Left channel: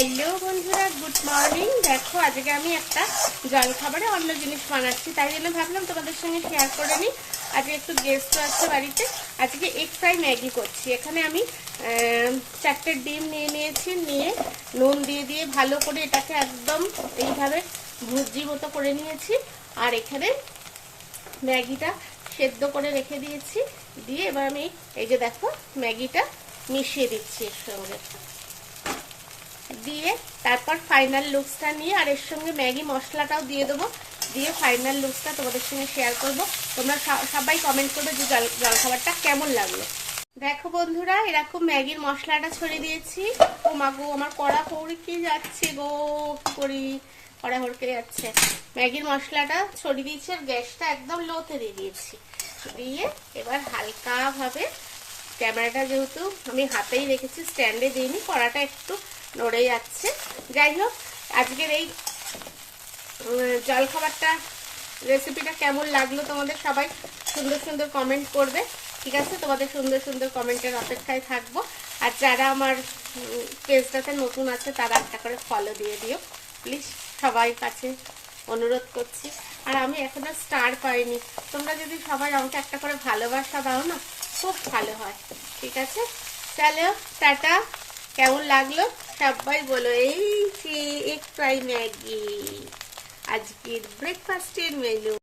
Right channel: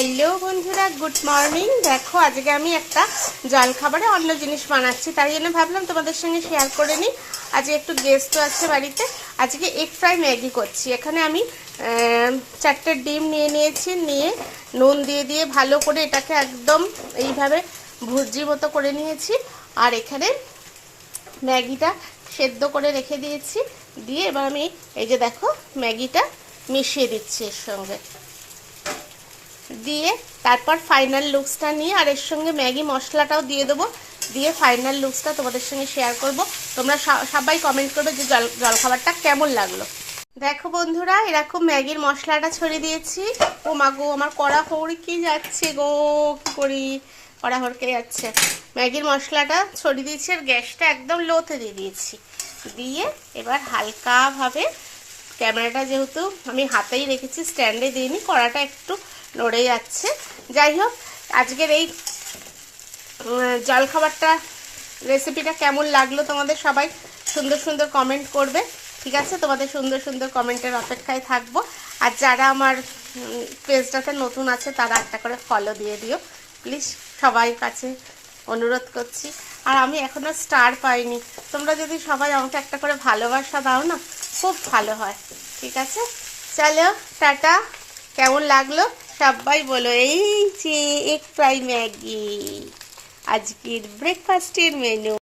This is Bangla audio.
হ্যালো বন্ধুরা, গুড মর্নিং। দেখো আজকে আমি একটা জলখাবারে অন্য জিনিস বানাচ্ছি, তার জন্য ভাবলাম তোমাদের সঙ্গে শেয়ার করে নিই। আজকে একটু গেস্ট আছে বাড়িতে। আজকে এগ ফ্রাই ম্যাগি করছি। এখানে আমি 4টে ডিম নিয়ে নিয়েছি, নিয়ে নুন দিয়ে দিয়ে ভালো করে এটাকে একদম এইভাবে ভুর্জির মতো করে নিয়েছি। আর এখানে ম্যাগিটা সেদ্ধ করে রেখে দিয়েছি, দিয়ে এবার আমি এই যে দেখো ম্যাগিটা মিশিয়ে দিচ্ছি এর সঙ্গে, দিয়ে তারপর ফাইনাল লুকসটা নিয়ে আর এর সঙ্গে ম্যাগি মশলাটাও দিয়ে দেবো, দিয়ে ফাইনাল লুকসটা তোমাদের সঙ্গে শেয়ার করব। তোমরা সবাই কমেন্ট করবে যে জলখাবারটা কেমন লাগলো। দেখো বন্ধুরা, এরকম ম্যাগির মশলাটা ছড়িয়ে দিয়েছি। ও মা গো, আমার কড়া হড়কে যাচ্ছে গো, কি করি, কড়া হড়কে যাচ্ছে। ম্যাগির মশলাটা ছড়িয়ে দিয়েছি আর গ্যাসটা একদম লোতে দিয়ে দিয়েছি। দিয়ে এবার হালকাভাবে, ক্যামেরাটা যেহেতু আমি হাতেই রেখেছি, স্ট্যান্ডে দিইনি, কড়াটা একটু নড়ে যাচ্ছে। যাই হোক, আজকের এই জলখাবারটা রেসিপিটা কেমন লাগলো তোমাদের সবাই সুন্দর সুন্দর কমেন্ট করবে, ঠিক আছে? তোমাদের সুন্দর সুন্দর কমেন্টের অপেক্ষায় থাকবো। আর যারা আমার পেজটাতে নতুন আছে তারা একটা করে ফলো দিয়ে দিও প্লিজ, সবাই কাছে অনুরোধ করছি। আর আমি এখনো স্টার পাইনি, তোমরা যদি সবাই আমাকে একটা করে ভালোবাসা দাও না, খুব ভালো হয়, ঠিক আছে? চলো টাটা। কেমন লাগলো সবাই বলো। এই যে এগ ফ্রাই ম্যাগি আজকের ব্রেকফাস্টের মেনু।